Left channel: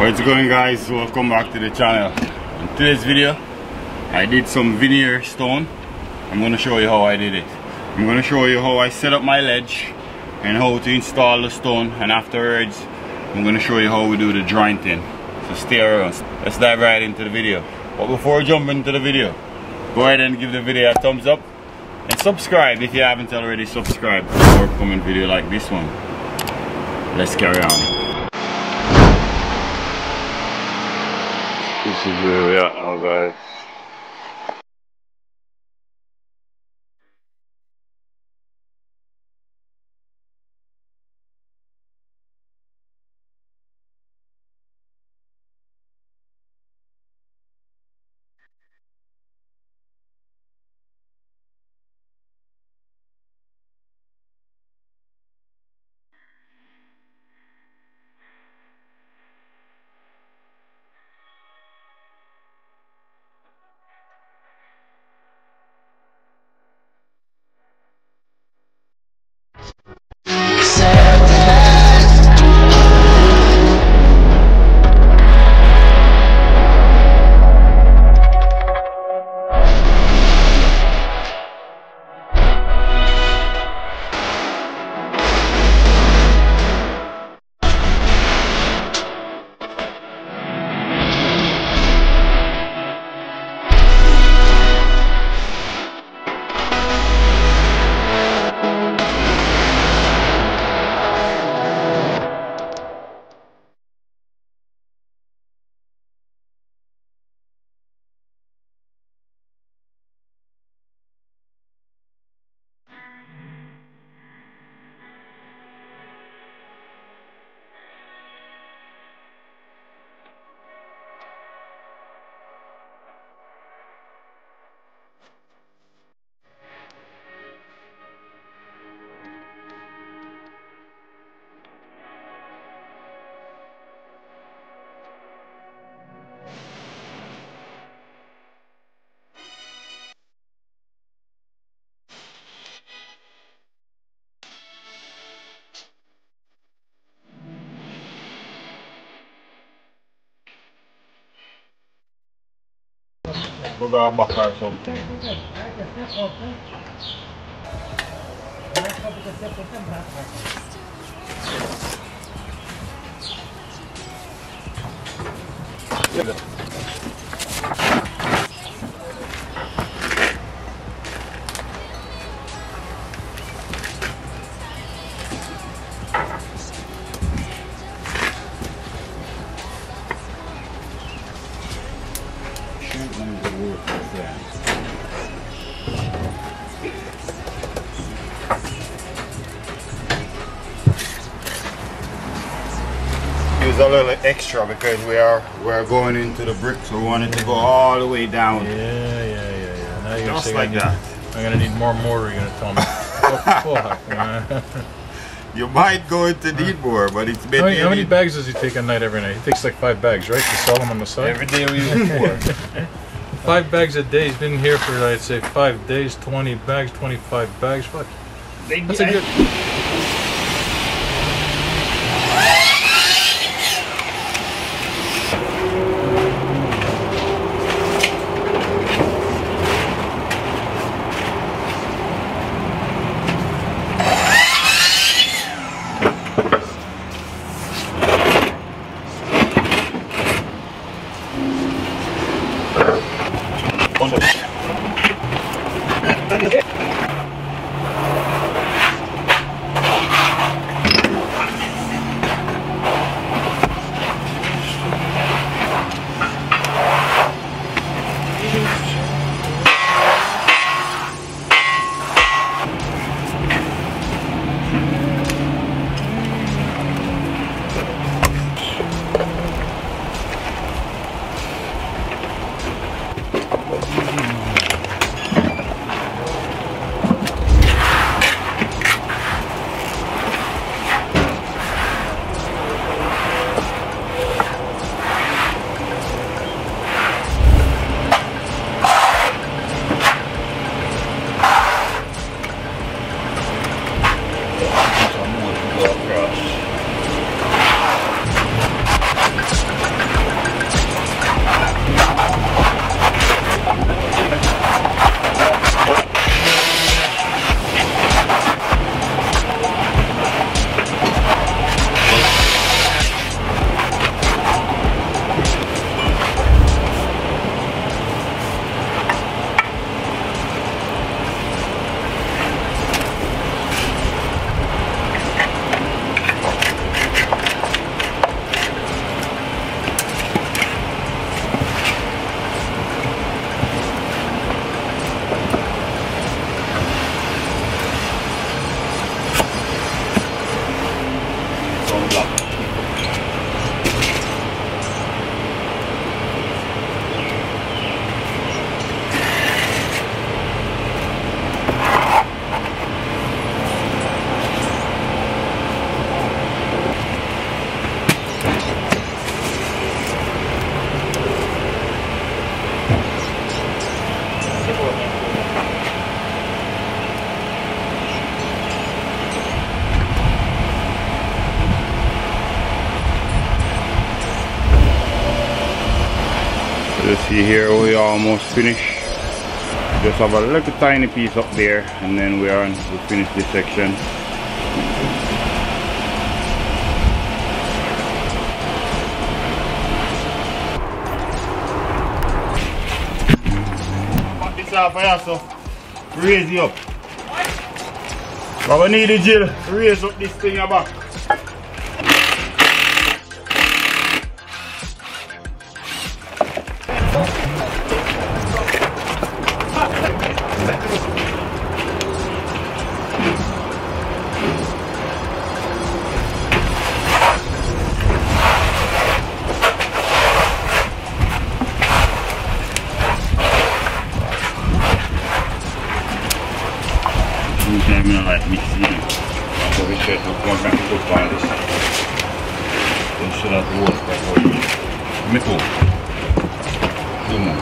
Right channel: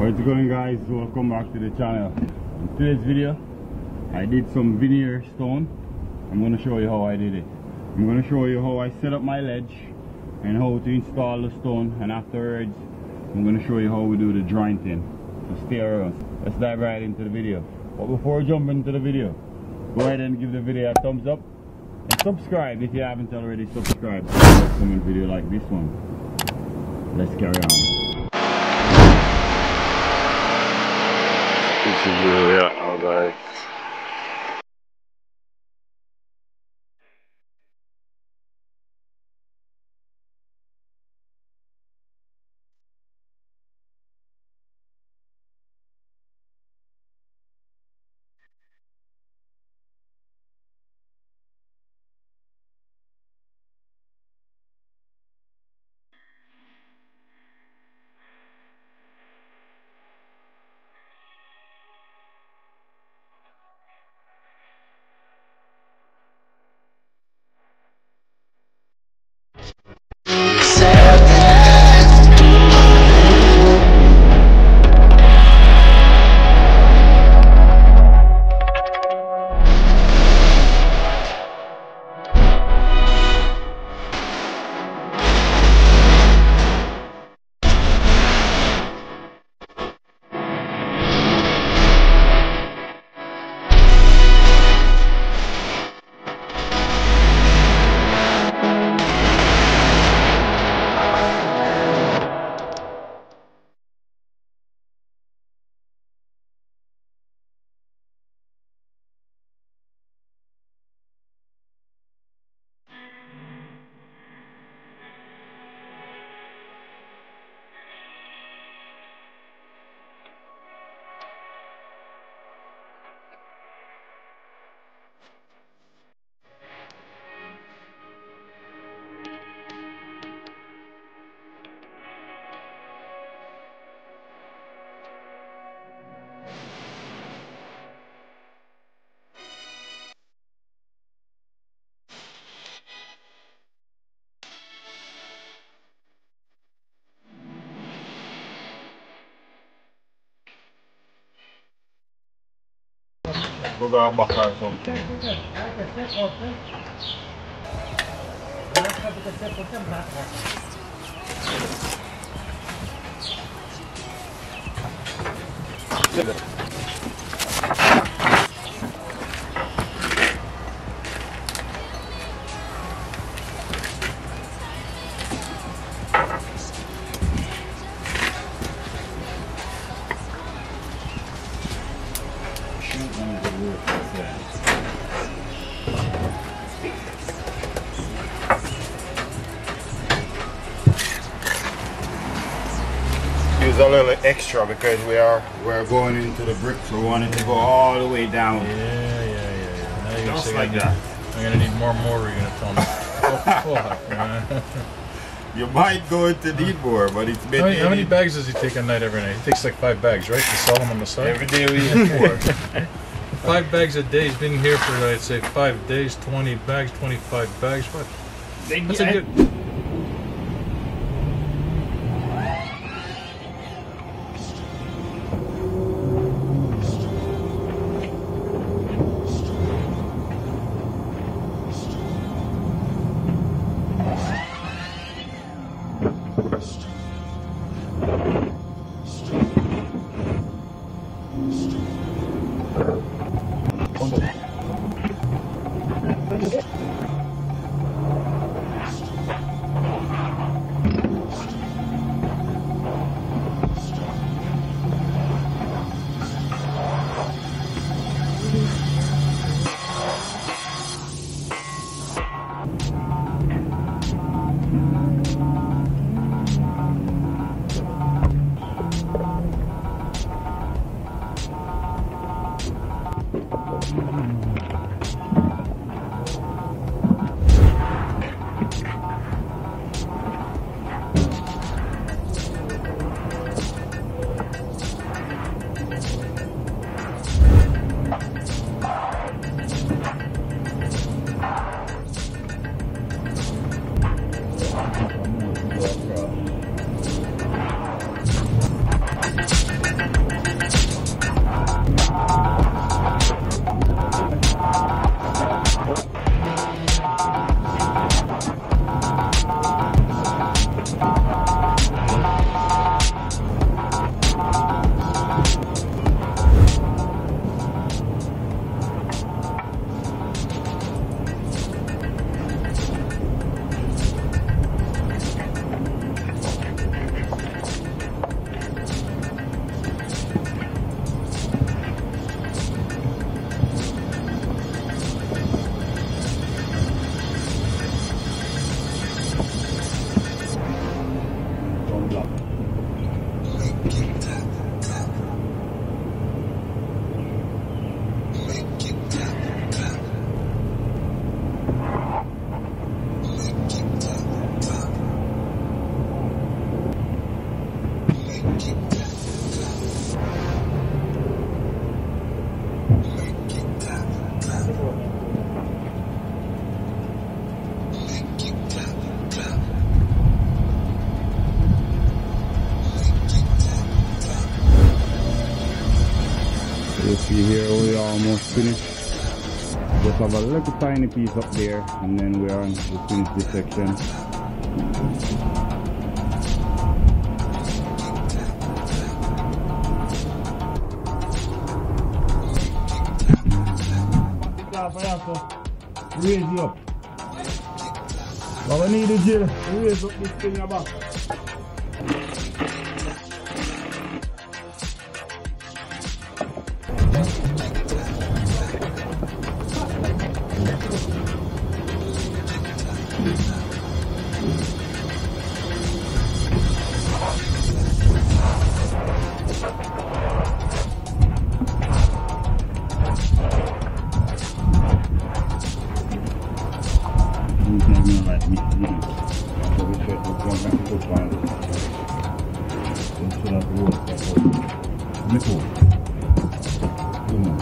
What's going, guys? Welcome back to the channel. In today's video I did some veneer stone. I'm going to show you how I did it. I'm going to show you how I set up my ledge and how to install the stone, and afterwards I'm going to show you how we do the jointing. So stay around. Let's dive right into the video. But before we jump into the video, go ahead and give the video a thumbs up and subscribe if you haven't already subscribed for a upcoming video like this one. Let's carry on. This is where we are now, guys. Go back or something. Use a little extra because we're going into the bricks. We want it to go all the way down. Yeah. Just like that. I'm gonna need more mortar. You're gonna tell me. You might go into need more, but it's been. How many bags does he take a night every night? He takes like 5 bags, right? To sell them on the side. Every day we use 4. 5 bags a day. He's been here for, I'd say, 5 days. 20 bags, 25 bags. What? That's a good. block. You see here we almost finished. Just have a little tiny piece up there and then we finish this section. Put this off here so raise it up. But we need the drill to raise up this thing back. Sometimes I like mixing it. So we should go back to the polish. We should have worked that for you. Metal. Come on.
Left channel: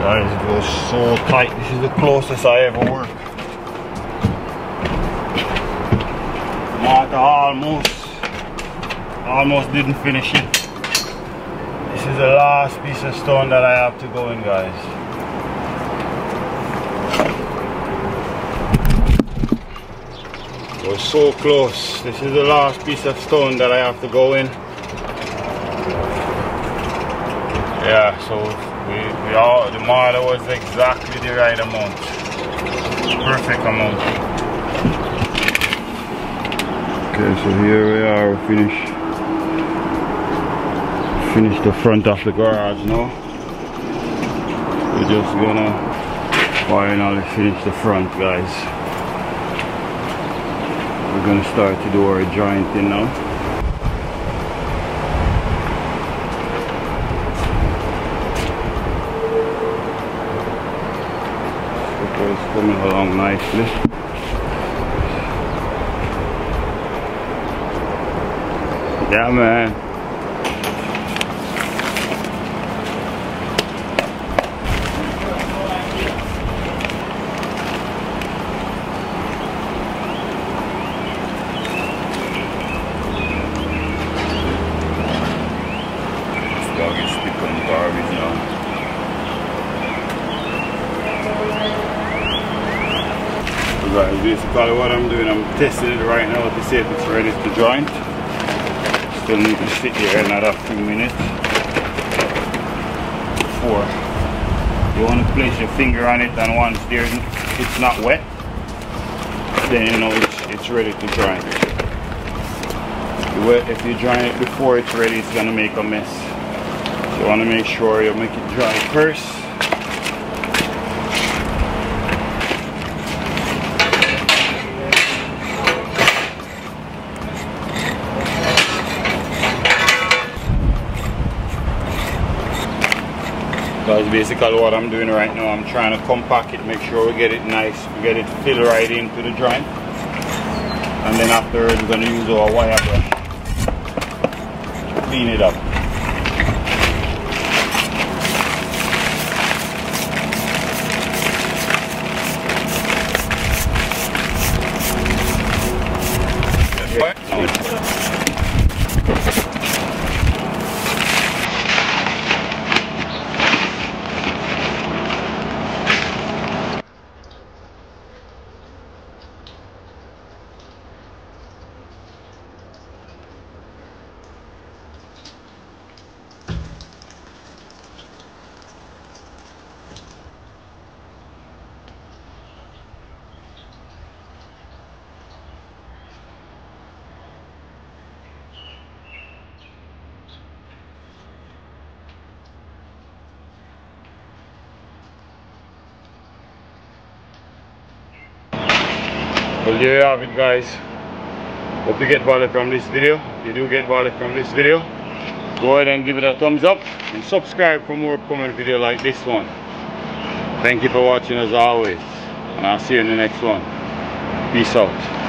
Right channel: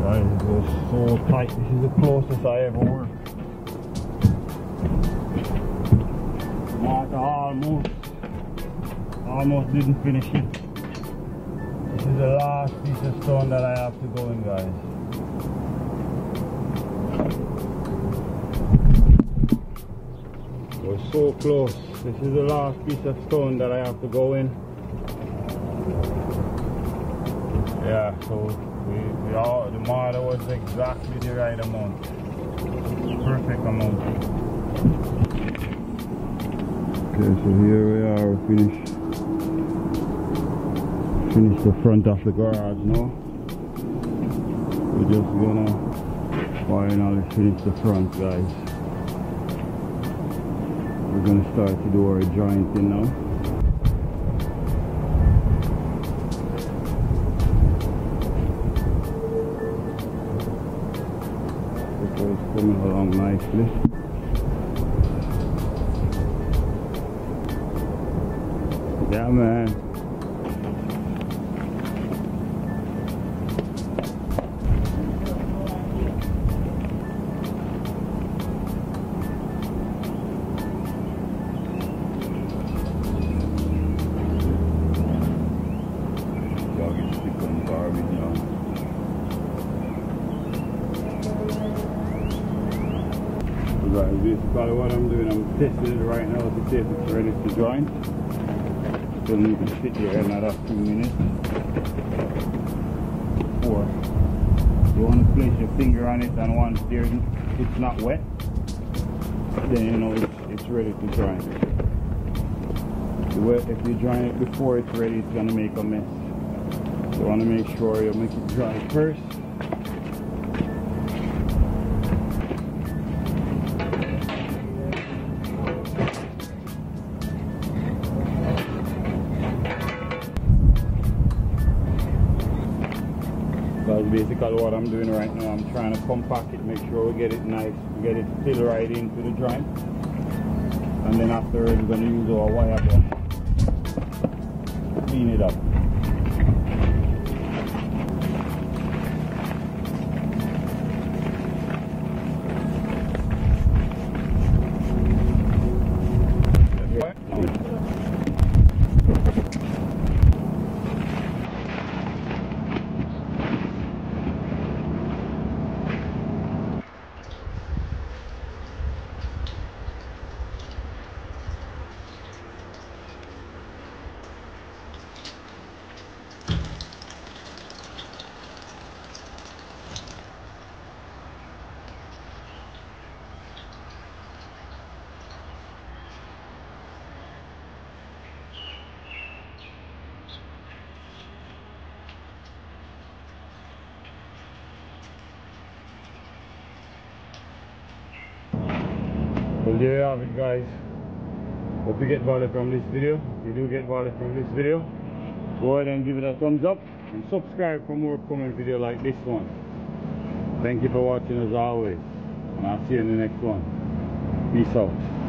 Guys, it goes so tight. This is the closest I ever work. Martha almost didn't finish it. This is the last piece of stone that I have to go in, guys. We're so close. This is the last piece of stone that I have to go in. Yeah, so the marble was exactly the right amount. Perfect amount. Okay, so here we are, we finished the front of the garage now. We're just gonna Finally finished the front, guys. We're gonna start to do our jointing now. It's coming along nicely. Yeah, man. Dog is stick on garbage now. So guys, basically what I'm doing, I'm testing it right now to see if it's ready to joint. Still need to sit here another few minutes before you want to place your finger on it, and once it's not wet, then you know it's ready to joint. If you join it before it's ready, it's gonna make a mess. You want to make sure you make it dry first. That's basically what I'm doing right now. I'm trying to compact it, make sure we get it nice, we get it filled right into the joint. And then afterwards we're going to use our wire brush to clean it up. Well, there you have it, guys. Hope you get value from this video. If you do get value from this video, go ahead and give it a thumbs up and subscribe for more upcoming video like this one. Thank you for watching as always, and I'll see you in the next one. Peace out.